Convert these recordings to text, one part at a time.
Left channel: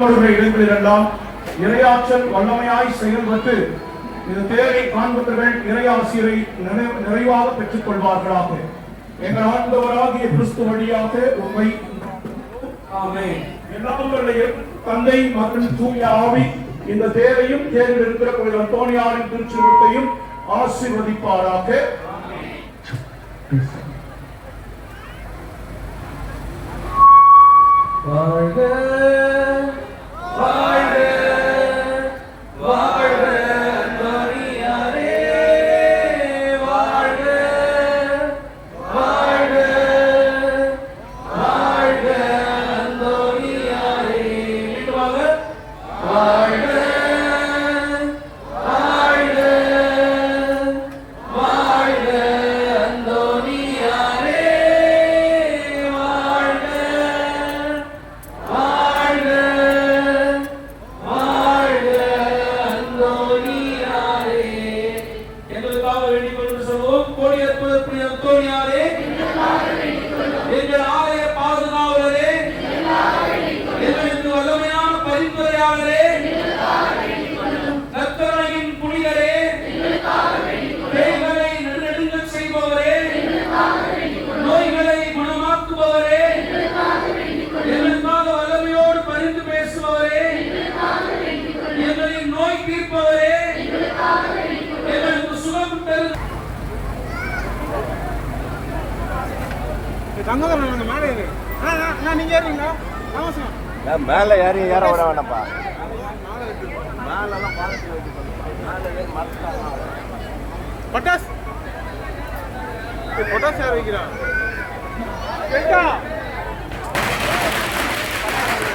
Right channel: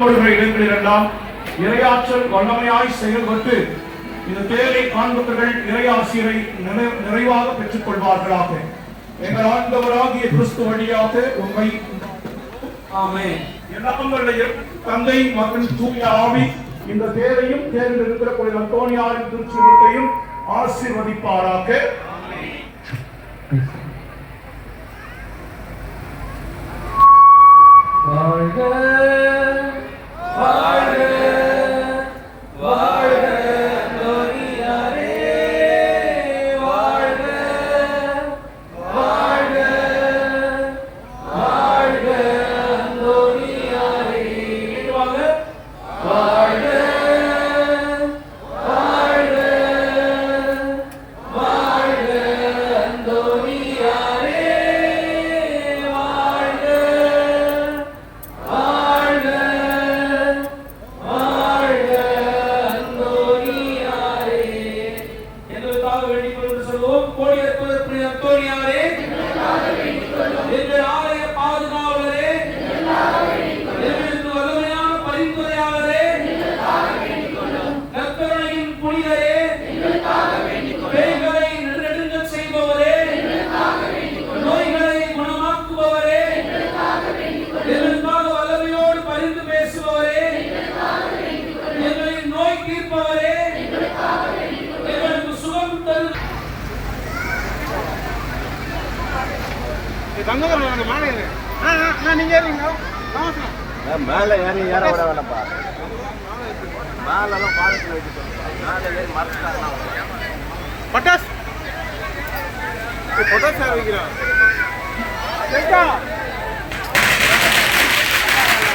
பொழுதுகளை இடங்களிலெல்லாம் இறையாற்றல் வல்லமையாய் செயல்பட்டு இந்த தேரை காண்பவர்கள் இறையாசிரியரை நிறைவாக பெற்றுக் கொள்வார்களாக எங்கள் ஆண்டவராகிய கிறிஸ்து வழியாக உண்மை ஆமென். தந்தை மகன் தூய ஆவி இந்த தேரையும் தேர்வில் இருக்கிற புனித அந்தோனியாரின் திருச்சிறுத்தையும் ஆசீர்வதிப்பாராக. வாழ்க வாழ்க பரிந்துரையாளரே கர்த்தரையின் புனிதரே பேய்களை நெடுநெடுங்கச் செய்பவரே நோய்களை குணமாக்குபவரே எங்களுக்காக வல்லமையோடு பரிந்து பேசுபவரே எங்களின் நோய் தீர்ப்பவரே எங்களுக்கு சுகம் தரு நான் மேல ஏறி ஏற விட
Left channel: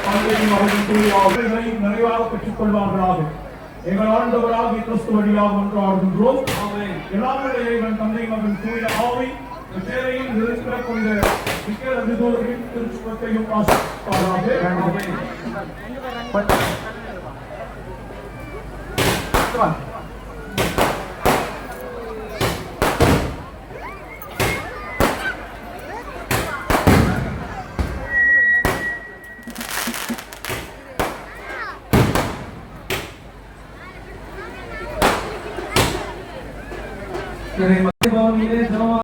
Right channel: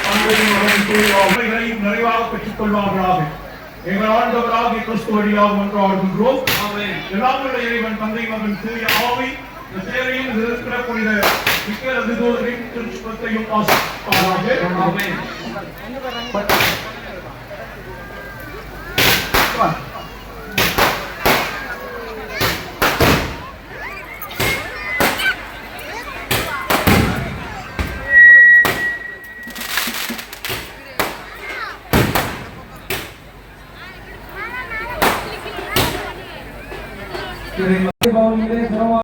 ஆண்டவரின் மகன் தூய ஆவிகளை நிறைவாக பெற்றுக் கொள்வார்களாக. எங்கள் ஆண்டவராகிய கிறிஸ்து வழியாக ஒன்றாடுகின்றோம் எல்லாமுடைய இறைவன் தந்தை மகன் தூய ஆவி இந்த தேரையும் இருக்கிற புனித மிக்க அதிதூதரின் திருச்சுவத்தையும் ஆசிர்வாராக பவனிலே சம